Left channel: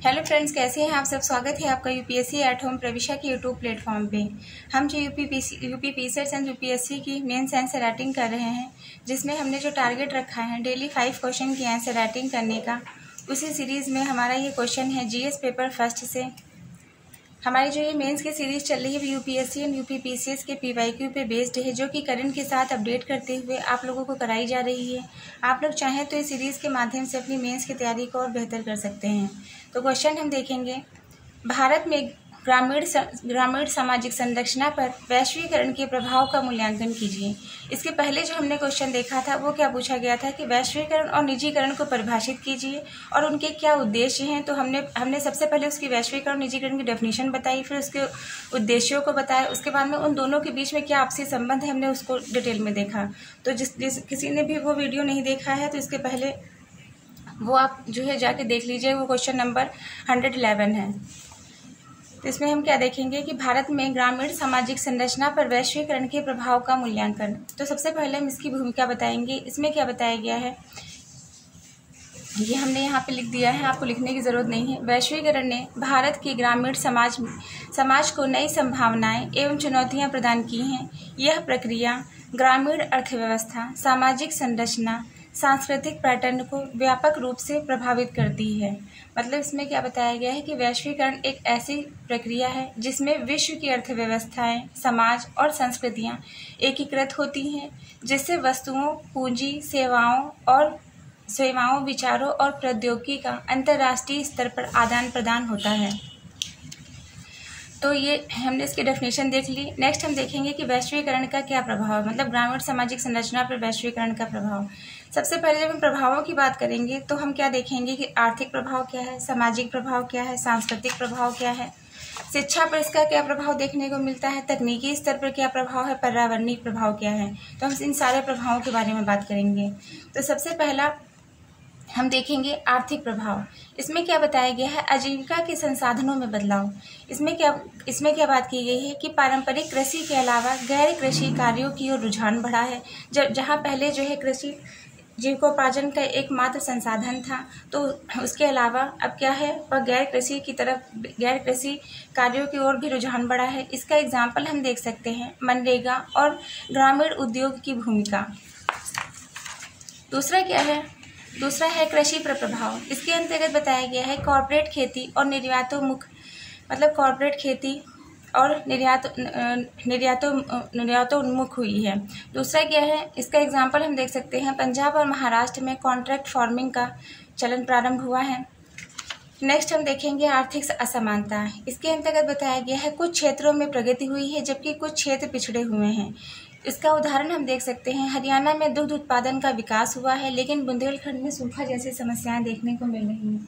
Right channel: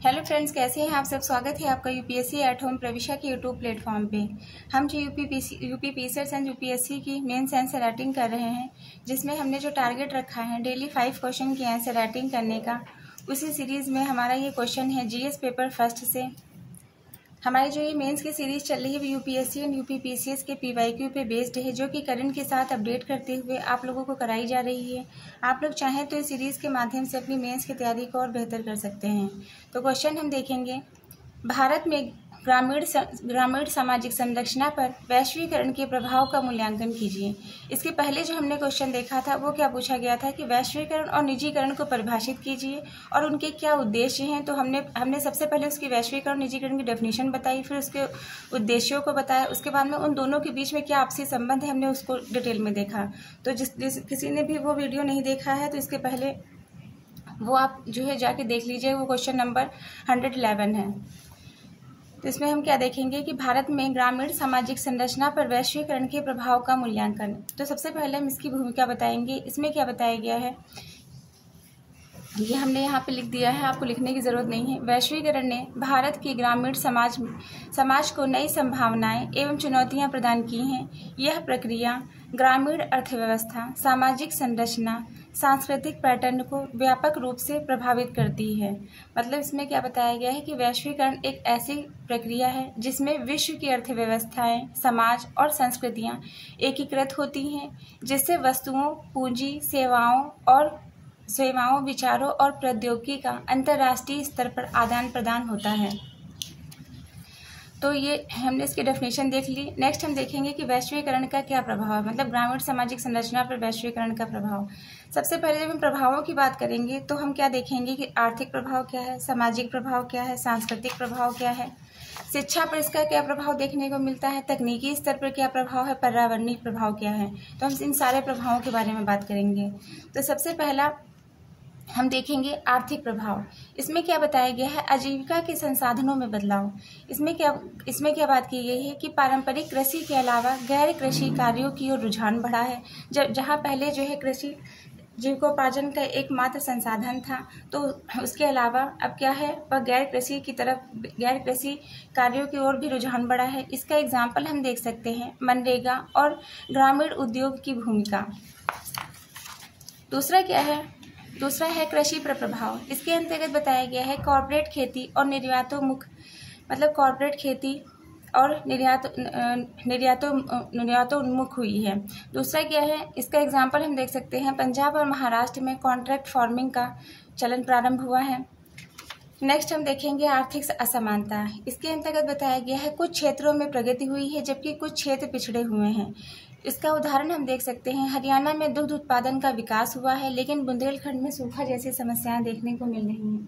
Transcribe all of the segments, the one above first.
Hello friends, कैसे हैं आप सब। स्वागत है आपका यूपीएससी एट होम प्रविशा के यूट्यूब प्लेटफॉर्म पे। हम जो यूपी पीसीएस एंड यूपीएससी की मेंस आंसर राइटिंग कर रहे हैं, जिसमें हमने जो टारगेट रखा है डेली 5 क्वेश्चन की आंसर राइटिंग करने का, उसी सीरीज़ में हमारा ये क्वेश्चन है जीएस पेपर फर्स्ट से। हमारी जो ये मेंस की सीरीज़ चल रही है वो यूपीएससी एंड यूपी पीसीएस के पीवाईक्यू पे बेस्ड है, जो कि करंट के साथ अपडेट करते हुए आप लोगों को कराई जा रही है। आप लोग चाहें तो इस सीरीज़ के माध्यम से अपनी मेंस की तैयारी को और बेहतर कर सकते हैं। तो क्वेश्चन हम देखेंगे, भारत में ग्रामीण सामाजिक संरचना पर वैश्वीकरण के प्रभाव का मूल्यांकन कीजिए। इसके पहले जो हमने क्वेश्चन देखा था वो क्या पूछा गया था कि वैश्वीकरण और निजीकरण को परिभाषित कीजिए और उनके क्या उद्देश्य हैं। तो हमने सबसे पहले उसकी वैश्वीकरण और निजीकरण की डेफिनेशन बताई, फिर उसके उद्देश्यों को बताया, उसके बाद में उन दोनों के बीच में क्या आपसी संबंध है हमने उसको डिटेल में देखा। तो किसी ने भी वो वीडियो नहीं देखा है तो इसके पहले वो आप जो है जाके देख लीजिए। वो क्वेश्चन नंबर 111 है। तो इसमें हम क्या देखेंगे कि भारत में ग्रामीण सामाजिक संरचना पर वैश्वीकरण के प्रभाव का मूल्यांकन। तो सबसे पहले हम इसकी भूमिका बताएंगे। इसमें क्या बताया गया है ये हमने यहाँ पे लिख दिया है, आपको लिखने की जरूरत नहीं है। वैश्वीकरण ने भारत के ग्रामीण समाज को नई संभावनाएं एवं चुनौतियां प्रदान की हैं। यह प्रक्रिया ग्रामीण अर्थव्यवस्था, सामाजिक संरचना, सांस्कृतिक पैटर्न को व्यापक रूप से प्रभावित करती है। मतलब इसमें क्या बताया गया है कि वैश्वीकरण एक ऐसी प्रक्रिया है जिसमें विश्व की अर्थव्यवस्थाएं, समाज और संस्कृतियां एकीकृत होती हैं, जिससे वस्तुओं, पूंजी, सेवाओं, विचारों और प्रौद्योगिकी का अंतर्राष्ट्रीय स्तर पर आदान प्रदान होता है। तो ये हमने इसकी डेफिनेशन देख ली। नेक्स्ट हम देखेंगे कि वैश्वीकरण का क्या प्रभाव है, मतलब ग्रामीण सामाजिक संरचना पर वैश्वीकरण का प्रभाव। सबसे पहले जब हम प्रभावों की बात करेंगे तो हम क्या देखेंगे कि आर्थिक प्रभाव क्या है, सामाजिक प्रभाव क्या है, सांस्कृतिक प्रभाव क्या है, शिक्षा पर इसका क्या प्रभाव देखने को मिलता है, तकनीकी स्तर पर क्या प्रभाव है, पर्यावरणीय प्रभाव क्या है। तो हम इन सारे प्रभावों के बारे में बात करेंगे। तो सबसे पहला हम देखेंगे आर्थिक प्रभाव। इसमें क्या बताया गया है, आजीविका के संसाधनों में बदलाव। इसमें क्या बात की गई है कि पारंपरिक कृषि के अलावा गैर कृषि कार्यों की ओर रुझान बढ़ा है। जहाँ पहले जो है कृषि जीविकोपार्जन का एकमात्र संसाधन था, तो उसके अलावा अब क्या है और गैर कृषि कार्यों की ओर भी रुझान बढ़ा है। इसका एग्जाम्पल हम देख सकते हैं मनरेगा और ग्रामीण उद्योग की भूमिका। दूसरा है कृषि पर प्रभाव। इसके अंतर्गत बताया गया है कॉर्पोरेट खेती और कॉर्पोरेट खेती और निर्यातोन्मुख हुई है। दूसरा क्या है, इसका एग्जाम्पल हम देख सकते हैं पंजाब और महाराष्ट्र में कॉन्ट्रैक्ट फार्मिंग का चलन प्रारंभ हुआ है। नेक्स्ट हम देखेंगे आर्थिक असमानता। इसके अंतर्गत बताया गया है कुछ क्षेत्रों में प्रगति हुई है जबकि कुछ क्षेत्र पिछड़े हुए हैं। इसका उदाहरण हम देख सकते हैं हरियाणा में दुग्ध उत्पादन का विकास हुआ है, लेकिन बुंदेलखंड में सूखा जैसी समस्याएं देखने को मिल रही हैं।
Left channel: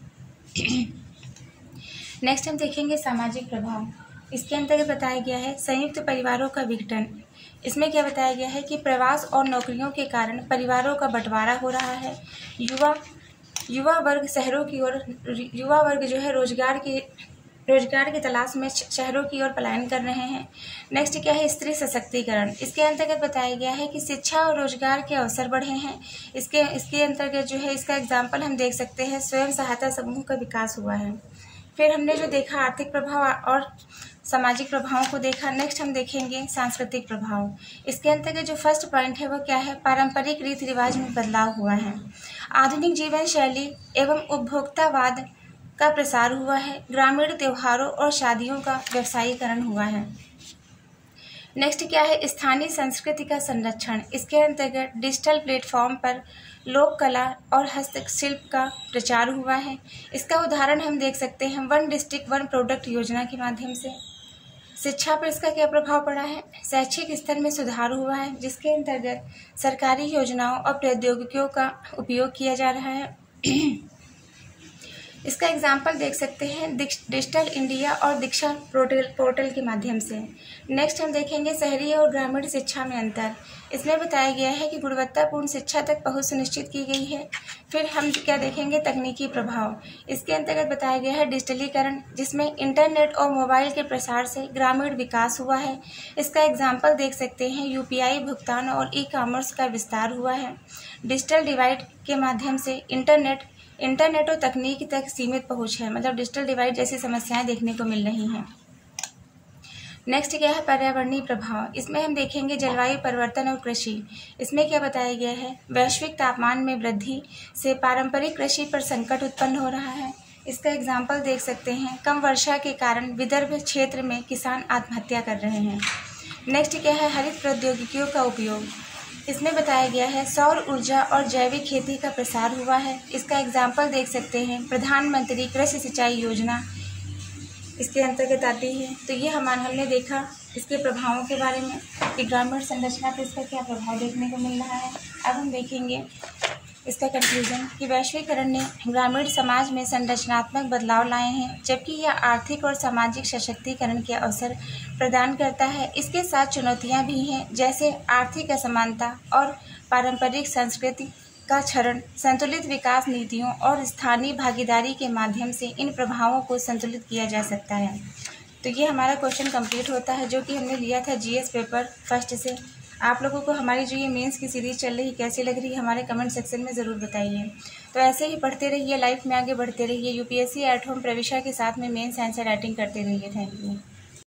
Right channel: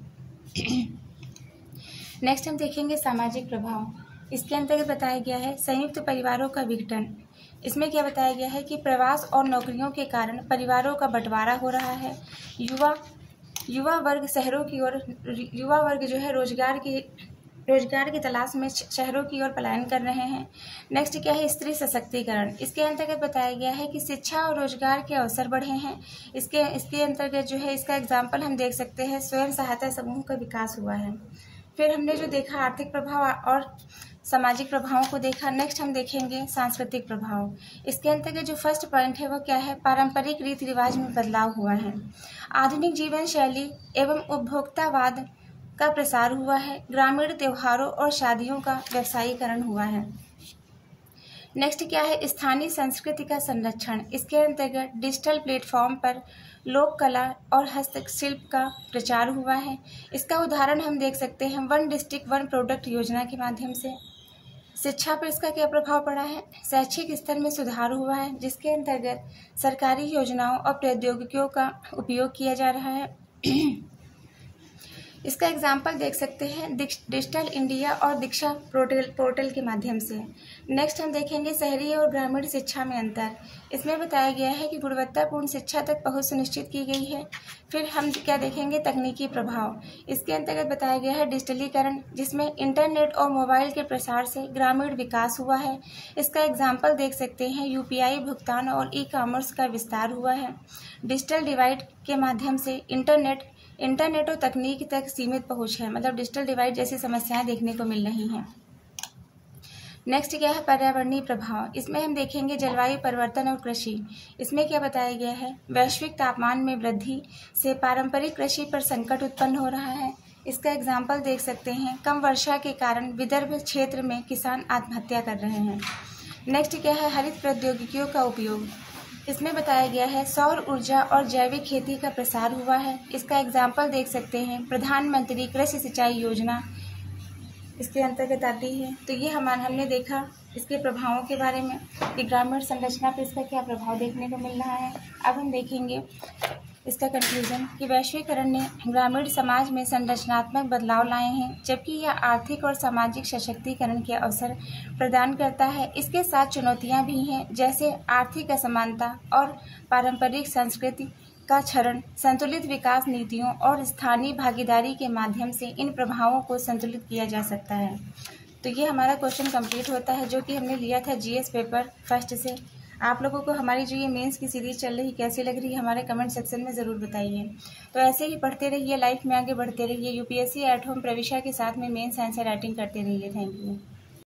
नेक्स्ट हम देखेंगे सामाजिक प्रभाव। इसके अंतर्गत बताया गया है संयुक्त परिवारों का विघटन। इसमें क्या बताया गया है कि प्रवास और नौकरियों के कारण परिवारों का बंटवारा हो रहा है। युवा वर्ग जो है रोजगार की तलाश में शहरों की ओर पलायन कर रहे हैं। नेक्स्ट क्या है, स्त्री सशक्तिकरण। इसके अंतर्गत बताया गया है कि शिक्षा और रोजगार के अवसर बढ़े हैं। इसके अंतर्गत जो है इसका एग्जाम्पल हम देख सकते हैं स्वयं सहायता समूह का विकास हुआ है। फिर हमने जो देखा आर्थिक प्रभाव और सामाजिक प्रभावों को देखा। नेक्स्ट हम देखेंगे सांस्कृतिक प्रभाव। इसके अंतर्गत जो फर्स्ट पॉइंट है वो क्या है, पारंपरिक रीति रिवाज में बदलाव हुआ है। आधुनिक जीवन शैली एवं उपभोक्तावाद का प्रसार हुआ है। ग्रामीण त्योहारों और शादियों का व्यवसायीकरण हुआ है। नेक्स्ट क्या है, स्थानीय संस्कृति का संरक्षण। इसके अंतर्गत डिजिटल प्लेटफॉर्म पर लोक कला और हस्तशिल्प का प्रचार हुआ है। इसका उदाहरण हम देख सकते हैं वन डिस्ट्रिक्ट वन प्रोडक्ट योजना के माध्यम से। शिक्षा पर इसका क्या प्रभाव पड़ा है, शैक्षिक स्तर में सुधार हुआ है, जिसके अंतर्गत सरकारी योजनाओं और प्रौद्योगिकियों का उपयोग किया जा रहा है। इसका एग्जाम्पल देख सकते हैं डिजिटल इंडिया और दीक्षा पोर्टल के माध्यम से। नेक्स्ट हम देखेंगे शहरी और ग्रामीण शिक्षा में अंतर। इसमें बताया गया है कि गुणवत्तापूर्ण शिक्षा तक पहुंच सुनिश्चित की गई है। फिर हम क्या देखेंगे, तकनीकी प्रभाव। इसके अंतर्गत बताया गया है डिजिटलीकरण, जिसमें इंटरनेट और मोबाइल के प्रसार से ग्रामीण विकास हुआ है। इसका एग्जाम्पल देख सकते हैं यूपीआई भुगतान और ई कॉमर्स का विस्तार हुआ है। डिजिटल डिवाइड के माध्यम से इंटरनेट और तकनीक तक सीमित पहुंच है, मतलब डिजिटल डिवाइड जैसी समस्याएं देखने को मिल रही हैं। नेक्स्ट क्या है, पर्यावरणीय प्रभाव। इसमें हम देखेंगे जलवायु परिवर्तन और कृषि। इसमें क्या बताया गया है, वैश्विक तापमान में वृद्धि से पारंपरिक कृषि पर संकट उत्पन्न हो रहा है। इसका एग्जाम्पल देख सकते हैं, कम वर्षा के कारण विदर्भ क्षेत्र में किसान आत्महत्या कर रहे हैं। नेक्स्ट क्या है, हरित प्रौद्योगिकियों का उपयोग। इसमें बताया गया है सौर ऊर्जा और जैविक खेती का प्रसार हुआ है। इसका एग्जाम्पल देख सकते हैं, प्रधानमंत्री कृषि सिंचाई योजना इसके अंतर्गत आती है। तो ये हमने देखा इसके प्रभावों के बारे में कि ग्रामीण संरचना पर इसका क्या प्रभाव देखने को मिल रहा है। अब हम देखेंगे इसका कंक्लूजन कि वैश्वीकरण ने ग्रामीण समाज में संरचनात्मक बदलाव लाए हैं, जबकि यह आर्थिक और सामाजिक सशक्तिकरण के अवसर प्रदान करता है। इसके साथ चुनौतियां भी हैं, जैसे आर्थिक असमानता और पारंपरिक संस्कृति का क्षरण। संतुलित विकास नीतियों और स्थानीय भागीदारी के माध्यम से इन प्रभावों को संतुलित किया जा सकता है। तो ये हमारा क्वेश्चन कंप्लीट होता है, जो कि हमने लिया था जीएस पेपर फर्स्ट से। आप लोगों को हमारी जो ये मेंस की सीरीज़ चल रही कैसी लग रही है हमारे कमेंट सेक्शन में ज़रूर बताइए। तो ऐसे ही पढ़ते रहिए, लाइफ में आगे बढ़ते रहिए, यूपीएससी एट होम प्रविशा के साथ में मेंस आंसर राइटिंग करते रहिए। Thank you.